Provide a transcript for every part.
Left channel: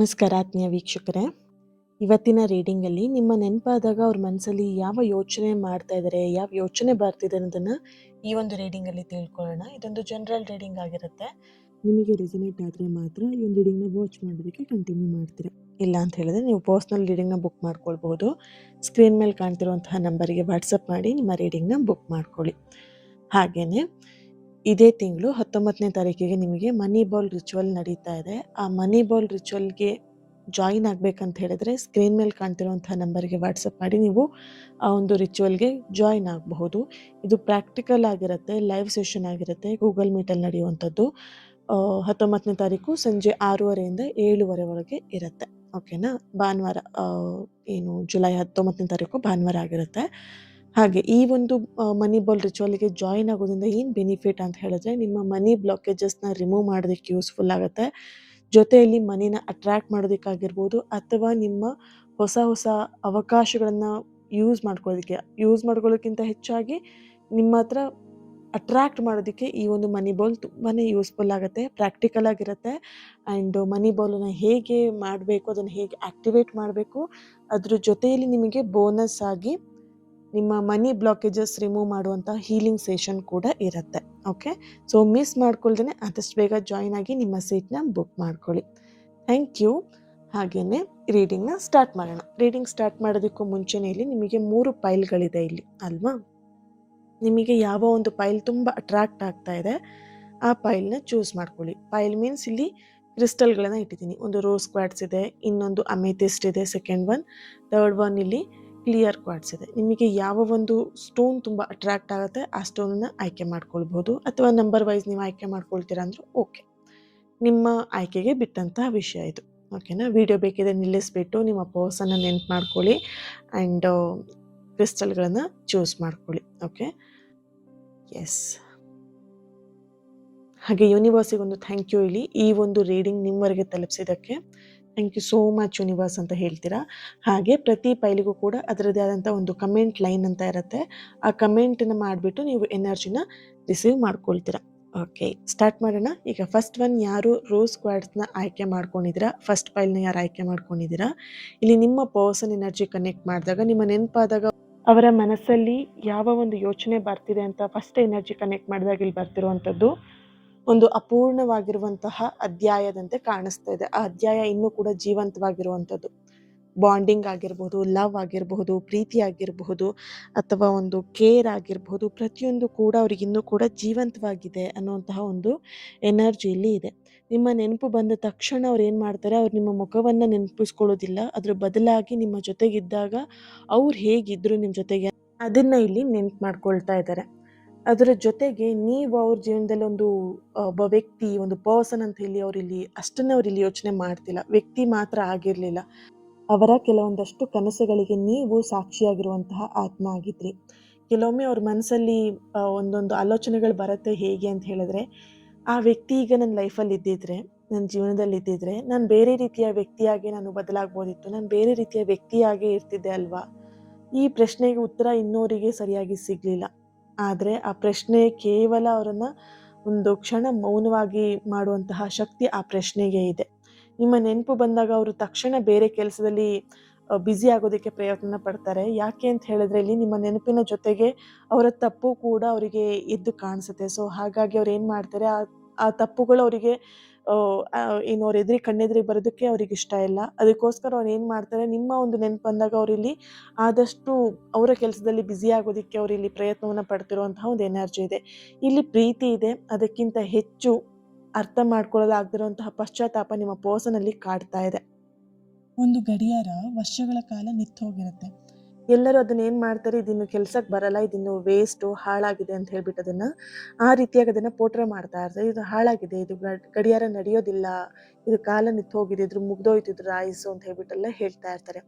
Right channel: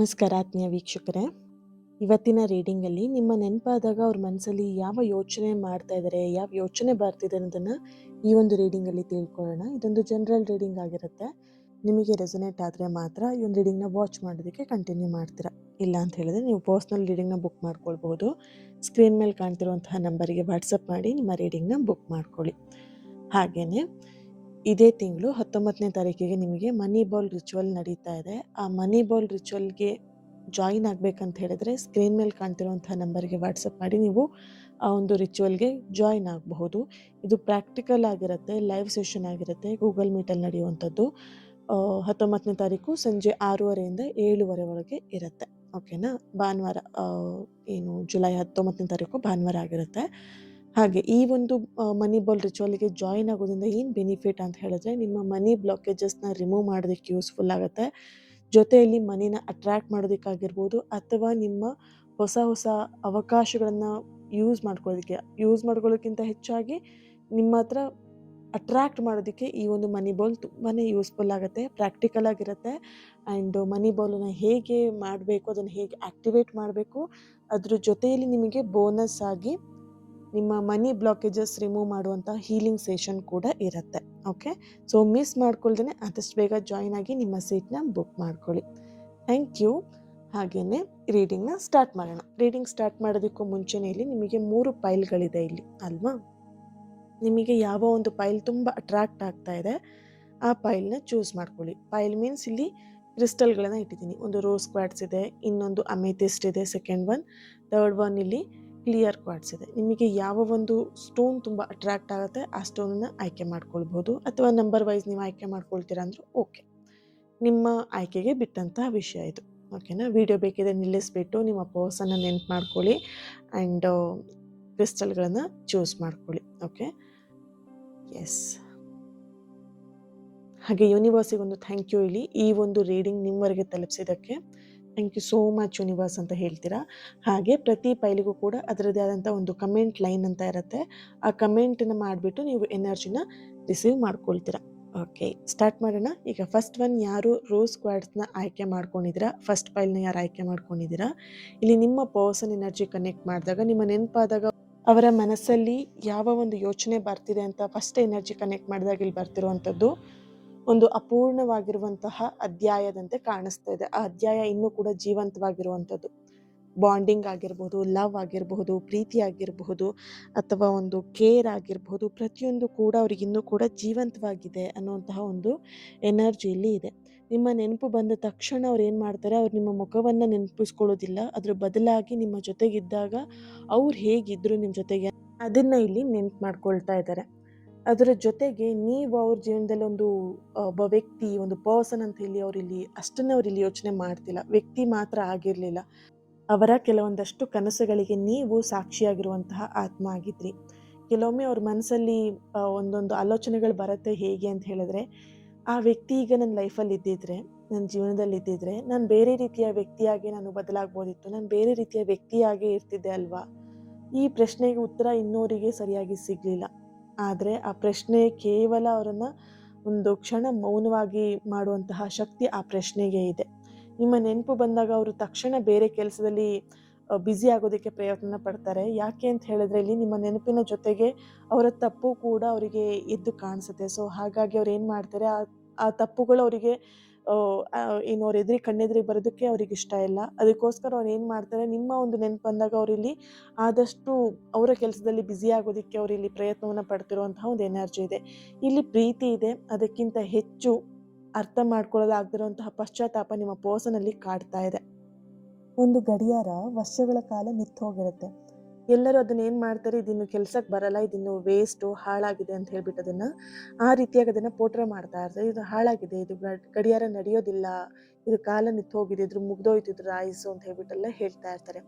ನಮಸ್ಕಾರ ಆತ್ಮೀಯ ವೀಕ್ಷಕರೇ. ಇವತ್ತಿನ ರೀಡಿಂಗಲ್ಲಿ ನಿಮ್ಮ ನೆನಪಾದಾಗ ಅವ್ರ ಮನಸ್ಸಲ್ಲಿ ಯಾವ ಯೋಚನೆ ಮಾಡ್ತಾ ಇದ್ದಾರೆ, ಯಾವ ಯೋಚನೆ ಬರ್ತಿದೆ ಅನ್ನೋದನ್ನು ಈ ಒಂದು ರೀಡಿಂಗಲ್ಲಿ ತಿಳ್ಕೊಳ್ಳೋಣ. ಇದೊಂದು ಜನರಲ್ ರೀಡಿಂಗ್ ಆಗಿರುತ್ತೆ. ನಿಮಗೆ ರೆಸೊನೇಟ್ ಆದರೆ ಮಾತ್ರ ಈ ಒಂದು ರೀಡಿಂಗ್ನ ವಾಚ್ ಮಾಡೋದಕ್ಕೆ ಕಂಟಿನ್ಯೂ ಮಾಡ್ತೀರಾ. ಇಲ್ಲ ಅಂತ ಹೇಳಿದ್ರೆ ನೀವು ಪರ್ಸ್ನಲ್ ರೀಡಿಂಗ್ನ ಬುಕ್ ಮಾಡ್ಕೊಳ್ಬಹುದು. ಸ್ಕ್ರೀನ್ ಮೇಲೆ ಕಾಣ್ತಿರುವಂತಹ ನಂಬರಿಗೆ ವಾಟ್ಸಪ್ ಮಾಡಿ ನಿಮ್ಮ ರೀಡಿಂಗ್ನ ಬುಕ್ ಮಾಡ್ಕೊಳ್ಳಿ. ಹಾಗೆಯೇ ಇದೇ ತಿಂಗಳು 19ನೇ ತಾರೀಕಿಗೆ ನಿಮಗೆ ಮನಿ ಬಾಲ್ ರಿಚುವಲ್ ನಡೀತಾ ಇದೆ. ಆ ಮನಿ ಬಾಲ್ ರಿಚುವಲ್ಗೆ ಜಾಯಿನ್ ಆಗಬೇಕಂತ ಹೇಳಿದ್ರೆ ಸ್ಕ್ರೀನ್ ಮೇಲೆ ಕಾಣ್ತಿರುವಂತಹ ನಂಬರ್ಗೆ ವಾಟ್ಸಪ್ ಮಾಡಿ ನೀವು ಆ ಒಂದು ರಿಚುವಲ್ಗೆ ಜಾಯಿನ್ ಆಗಬಹುದು. ಇದು ಪ್ರಾಕ್ಟಿಕಲ್ ಆಗಿರುತ್ತೆ, ಲೈವ್ ಸೆಷನ್ ಆಗಿರುತ್ತೆ, ಗೂಗಲ್ ಮೀಟಲ್ಲಿ ನಡೆಯುವಂಥದ್ದು. 19ನೇ ತಾರೀಕು ಸಂಜೆ 6:30ಯಿಂದ 7:30 ಇರುತ್ತೆ. ಓಕೆನಾ? ಭಾನುವಾರ, ಏನು ಜುಲೈ 19ನೇ ತಾರೀಕು ಭಾನುವಾರ ಆಗಿರುತ್ತೆ. ಹಾಗೆ ಈ ಒಂದು ಮನಿ ಬಾಲ್ ರಿಚುವಲ್ಗೆ ಜಾಯಿನ್ ಆಗೋದ್ರಿಂದ ಏನು ಬೆನಿಫಿಟ್ ಅಂತ ಹೇಳಿದ್ರೆ, ನಿಮ್ಮ ಮನಿ ಬ್ಲಾಕೇಜಸ್ನ ರಿಮೂವ್ ಮಾಡೋದಕ್ಕೆ ಯೂಸ್ಫುಲ್ ಆಗುತ್ತೆ. ಜೊತೆಯಲ್ಲಿ ಮನಿನ ಅಟ್ರ್ಯಾಕ್ಟ್ ಮಾಡೋದಕ್ಕಾಗಿರ್ಬೋದು, ಅಥವಾ ನಿಮ್ಮ ಹೊಸ ಹೊಸ ಅವಕಾಶಗಳನ್ನು ಯೂಸ್ ಮಾಡ್ಕೊಳ್ಳೋಕ್ಕಿಂತ ಹೆಚ್ಚಾಗಿ ನಿಮ್ಮ ಹತ್ರ ಅಟ್ರ್ಯಾಕ್ಟ್ ಮಾಡೋದಕ್ಕೆ ಈ ಒಂದು ಮನಿ ಬಾಲ್ ತುಂಬಾ ಯೂಸ್ಫುಲ್ ಆಗುತ್ತೆ. ಪ್ರಾಕ್ಟಿಕಲ್ ಆಗಿರುತ್ತೆ. ಆ್ಯಂಡ್ ಮನಿ ಬಾಲನ್ನು ಹೇಗೆ ಮಾಡಬೇಕು, ಅದನ್ನು ಹೇಗೆ ಆ್ಯಕ್ಟಿವೇಟ್ ಮಾಡಬೇಕು, ಅದ್ರ ಜೊತೆಯಲ್ಲಿ ನಿಮಗೆ ಬೋನಸ್ ಆಗಿ ನಿಮ್ಮ ಮನಿ ಬ್ಲಾಕೇಜಸ್ ರಿಮೂವ್ ಮಾಡುವಂಥ ಹೀಲಿಂಗ್ ಸೆಷನ್ ಕೂಡ ಇರುತ್ತೆ. ಓಕೆ, ಸೊ ಮಿಸ್ ಮಾಡ್ಕೊಳ್ದೇ ಆದಷ್ಟು ಬೇಗ ಜಾಯಿನ್ ಆಗಿ ನಿಮ್ಮ ಸೀಟ್ನ ಬುಕ್ ಮಾಡ್ಕೊಳ್ಳಿ. Thank you. ಹಾಗೆಯೇ ರೀಡಿಂಗ್ನ ಸ್ಟಾರ್ಟ್ ಮಾಡೋಣ. ರೀಡಿಂಗ್ ಸ್ಟಾರ್ಟ್ ಮಾಡೋದಕ್ಕೂ ಮುಂಚೆನೇ ಇಲ್ಲಿ ನಿಮಗೆ 3 ಪೈಲ್ಗಳಿದೆ ಇಲ್ಲಿ ಅಲ್ವಾ? ನಿಮಗೆ ಯಾವ ಒಂದು ಪೈಲ್ ತುಂಬ ಅಟ್ರಾಕ್ಟ್ ಆಗ್ತಾ ಇದೆ ಆ ಪೈಲ್ನ ಚೂಸ್ ಮಾಡ್ಕೊಳ್ಳಿ. ಪೈಲ್ ಮೀನ್ಸ್ ಇಲ್ಲಿ ಕ್ರಿಸ್ಟಲ್ಗಳನ್ನು ಇಟ್ಟಿದ್ದೀನಿ. ಒಂದು ರೋಸ್ ಕ್ವಾರ್ಟ್ಸ್ ಇದೆ, ಇನ್ನೊಂದು ಅಮೆಥಿಸ್ಟ್ ಇದೆ, ಸೆಕೆಂಡ್ ಒನ್, ಥರ್ಡ್ ಒನ್ ಇಲ್ಲಿ ಕ್ಲಿಯರ್ ಕ್ವಾರ್ಟ್ಸ್ ಇದೆ. ನಿಮಗೆ ಯಾವ ಒಂದು ಸ್ಟೋನ್ ತುಂಬ ಅಟ್ರಾಕ್ಟ್ ಆಗುತ್ತೆ ಆ ಸ್ಟೋನನ್ನು ಆಯ್ಕೆ ಮಾಡ್ಕೊಳ್ಬೋದು, ಅಥವಾ ನಂಬರ್ ವೈಸ್ ನೀವು ಆಯ್ಕೆ ಮಾಡ್ಕೊಳ್ತೀರಾ ಅಂದರೂ ಓಕೆ. ನಿಮ್ಮ ಆಯ್ಕೆಗೆ ಬಿಟ್ಟಂತಹ ವಿಷಯ ಇದು. ಓಕೆನಾ? ವಿಡಿಯೋ ಬೇಕಿದ್ರೆ ನಿಲ್ಲಿಸ್ಬಿಟ್ಟು ನಿಮ್ಮ ಪರ್ಸನ್ನ ನೆನ್ಪು ಮಾಡ್ಕೊಳ್ಳಿ ಆ್ಯಂಡ್ ಕ್ರಿಸ್ಟಲ್ಗಳನ್ನು ಚೂಸ್ ಮಾಡ್ಕೊಳ್ಳಿ. Okay, yes. ಹಾಗೆ ಯೂನಿವರ್ಸಿಗೆ ಒಂದು ಥ್ಯಾಂಕ್ ಯು ಇಲ್ಲಿ ಈ ಒಂದು ರೀಡಿಂಗ್ ನಿಮ್ಮವರೆಗೆ ತಲುಪಿಸಿದ್ದಕ್ಕೆ. Thank you so much universe ಅಂತ ಹೇಳ್ತೀರಾ. ಹಾಗೆ ಪ್ರತಿ ಪೈಲಿಗೂ ಕೂಡ ಅದರದ್ದೇ ಆದಂಥ ಒಂದು ಕಮೆಂಟ್ ಲೈನ್ ಅಂತ ಇರುತ್ತೆ. ಆ ಕಮೆಂಟನ್ನು ಮಾಡಿಬಿಟ್ಟು ನೀವು ಎನರ್ಜಿನ ರಿಸೀವ್ ಮಾಡ್ಕೊಳ್ತೀರಾ. ಓಕೆ, ಸ್ಟಾರ್ಟ್ ಮಾಡೋಣ. ಈಗ ಫಸ್ಟ್ ಒನ್, ಯಾರು ರೋಸ್ ಕ್ವಾರ್ಟ್ಸ್ನ ಆಯ್ಕೆ ಮಾಡ್ಕೊಂಡಿದ್ದೀರಾ, ಫಸ್ಟ್ ಪೈಲ್ನ ಯಾರು ಆಯ್ಕೆ ಮಾಡ್ಕೊಂಡಿದ್ದೀರಾ, ಇಲ್ಲಿ ನಿಮ್ಮ ಪರ್ಸನ್ ಎನರ್ಜಿ ಕನೆಕ್ಟ್ ಮಾಡಿದಾಗ, ನಿಮ್ಮ ನೆನಪಾದಾಗ ಅವರ ಮನಸ್ಸಲ್ಲಿ ಯಾವ ಒಂದು ಯೋಚನೆ ಬರ್ತಿದೆ ಅಂತ ಫಸ್ಟ್ ಎನರ್ಜಿ ಕನೆಕ್ಟ್ ಮಾಡಿದಾಗ ಇಲ್ಲಿ ಬರ್ತಿರುವಂಥದ್ದು ಒಂದು ಅಪೂರ್ಣವಾಗಿರುವಂತಹ ಅಧ್ಯಾಯದಂತೆ ಕಾಣಿಸ್ತಾ ಇದೆ. ಆ ಅಧ್ಯಾಯ ಇನ್ನೂ ಕೂಡ ಜೀವಂತವಾಗಿರುವಂಥದ್ದು. ಬಾಂಡಿಂಗ್ ಆಗಿರ್ಬೋದು, ಲವ್ ಆಗಿರಬಹುದು, ಪ್ರೀತಿ ಆಗಿರಬಹುದು, ಅಥವಾ ಒಂದು ಕೇರ್ ಆಗಿರಬಹುದು, ಪ್ರತಿಯೊಂದು ಕೂಡ ಅವ್ರಿಗೆ ಇನ್ನೂ ಕೂಡ ಜೀವಂತವಾಗಿದೆ ಅನ್ನುವಂತಹ ಒಂದು ಎನರ್ಜಿ ಇಲ್ಲಿ ಇದೆ. ನಿಮ್ಮ ನೆನಪು ಬಂದ ತಕ್ಷಣ ಅವ್ರು ಏನು ಮಾಡ್ತಾರೆ, ಅವ್ರು ನಿಮ್ಮ ಮುಖವನ್ನು ನೆನಪಿಸ್ಕೊಳ್ಳೋದಿಲ್ಲ, ಅದ್ರ ಬದಲಾಗಿ ನಿಮ್ಮ ಜೊತೆಗಿದ್ದಾಗ ಅವ್ರು ಹೇಗಿದ್ರು ನಿಮ್ಮ ಜೊತೆಗೆ ಅದನ್ನು ಇಲ್ಲಿ ನೆನಪು ಮಾಡ್ಕೊಳ್ತಾ ಇದ್ದಾರೆ. ಅದರ ಜೊತೆಗೆ ನೀವು ಅವ್ರ ಜೀವನದಲ್ಲಿ ಒಬ್ಬ ವ್ಯಕ್ತಿ, ಒಂದು ಪರ್ಸನ್ ಅಂತ ಹೇಳಿ ಅವರಿಲ್ಲಿ ಅಷ್ಟನ್ನೇ ಅವರಿಲ್ಲಿ ಯೋಚನೆ ಮಾಡ್ತಿಲ್ಲ. ವ್ಯಕ್ತಿ ಮಾತ್ರ ಆಗಿರಲಿಲ್ಲ, ಅವರ ಕೆಲವೊಂದಷ್ಟು ಕನಸುಗಳಿಗೆ ನೀವು ಸಾಕ್ಷಿಯಾಗಿರುವಂತಹ ಆತ್ಮ ಆಗಿದ್ರಿ. ಕೆಲವೊಮ್ಮೆ ಅವ್ರ ಮನಸ್ಸಲ್ಲಿ ಒಂದೊಂದು ಆಲೋಚನೆಗಳು ಬರುತ್ತೆ. ಹೇಗೆ ಅಂತ ಹೇಳಿದ್ರೆ, ಆ ವ್ಯಕ್ತಿ ಈಗ ನನ್ನ ಲೈಫಲ್ಲಿ ಇದ್ದಿದ್ರೆ, ನನ್ನ ಜೀವನದಲ್ಲಿ ಇದ್ದಿದ್ರೆ, ನಾನು ಬೇರೆ ರೀತಿಯ ವ್ಯಕ್ತಿಯಾಗಿ ನಾನು ಬದಲಾಗ್ಬೋದಿತ್ತು, ನಾನು ಬೇರೆ ರೀತಿಯ ವ್ಯಕ್ತಿಯಾಗಿ ಇರ್ತಿದ್ದೆ ಅಲ್ವಾ. ಈ ಪ್ರಶ್ನೆಗೆ ಉತ್ತರ ಇನ್ನೋರಿಗೆ ಸರಿಯಾಗಿ ಸಿಗಲಿಲ್ಲ. ಆದರೆ ಆ ಪ್ರಶ್ನೆ ಕೇವಲ ಅವರನ್ನು ಒಂದು ಕ್ಷಣ ಮೌನವಾಗಿ ಮಾಡುವಂತಹ ಶಕ್ತಿ ಆ ಪ್ರಶ್ನೆಗೆ ಇದೆ. ನಿಮ್ಮ ನೆನಪು ಬಂದಾಗ ಅವರು ತಕ್ಷಣ ಬೇರೆ ಕೆಲಸದಲ್ಲಿ ಬ್ಯುಸಿ ಆಗೋದಕ್ಕೆ ಪ್ರಯತ್ನ ಪಡ್ತಾರೆ. ಯಾಕೆ ಅಂತ ಹೇಳಿದ್ರೆ, ಇಲ್ಲಿ ನಿಮ್ಮ ನೆನಪಿನ ಜೊತೆಗೆ ಅವರ ತಪ್ಪು ಕೂಡ ಅವರಿಗೆ ಎದ್ದು ಕಾಣಿಸುತ್ತೆ. ಸೊ ಹಾಗಾಗಿ ಅವ್ರು ಏನು ಮಾಡ್ತಾರೆ, ಆ ತಪ್ಪುಗಳು ಅವರಿಗೆ ಏನು ಅವ್ರ ಕಣ್ಣೆದುರಿಗೆ ಬರೋದಕ್ಕೆ ಅವ್ರಿಗೆ ಇಷ್ಟ ಇಲ್ಲ. ಅದಕ್ಕೋಸ್ಕರ ಅವ್ರು ಏನು ಮಾಡ್ತಾರೆ, ನಿಮ್ಮ ಒಂದು ನೆನಪು ಬಂದಾಗ ಅವರಿಲ್ಲಿ ಆದಷ್ಟು ಅವರ ಕೆಲಸದಲ್ಲಿ ಬ್ಯುಸಿ ಆಗೋದಕ್ಕೆ ಅವರಿಲ್ಲಿ ಪ್ರಯತ್ನವನ್ನು ಪಡ್ತಿರುವಂತಹ ಒಂದು ಎನರ್ಜಿ ಇದೆ. ಇಲ್ಲಿ ಪ್ರೀತಿ ಇದೆ, ಅದಕ್ಕಿಂತ ಹೆಚ್ಚು ಅರ್ಥ ಮಾಡ್ಕೊಳ್ಳಲಾಗದಿರುವಂತಹ ಪಶ್ಚಾತ್ತಾಪ ನಿಮ್ಮ ಪರ್ಸನಲ್ಲಿ ಕಾಡ್ತಾ ಇದೆ. ಒಂದು ಗಡಿಯಾರ ವರ್ಷಗಳ ಕಾಲ ನಿಂತು ಹೋಗಿರುತ್ತೆ. ಎಲ್ಲರೂ ಅದನ್ನ ಏನು ಮಾಡ್ತಾರೆ, ಇದಿನ್ನು ಕೆಲ್ಸಕ್ಕೆ ಬರಲ್ಲ, ಇದಿನ್ನು ವೇಸ್ಟು, ಹಾಳಾಗಿದೆ ಅಂತ ಹೇಳ್ಬಿಟ್ಟು ಅದನ್ನು ಆ ರೀತಿಯಾಗಿ ಅದನ್ನು ಪೋಟ್ರೆ ಮಾಡ್ತಾ ಇರ್ತಾರೆ. ಇದು ಹಾಳಾಗಿದೆ, ಇದು ಗಡಿಯಾರ ನಡೆಯೋದಿಲ್ಲ, ಇದು ಕಾಲ ನಿಂತು ಹೋಗಿದೆ, ಇದ್ರ ಮುಗ್ದೋಯ್ತು, ಇದ್ರ ಆಯುಸ್ಸು ಅಂತ ಹೇಳ್ಬಿಟ್ಟೆಲ್ಲ ಹೇಳ್ತಾ ಇರ್ತಾರೆ.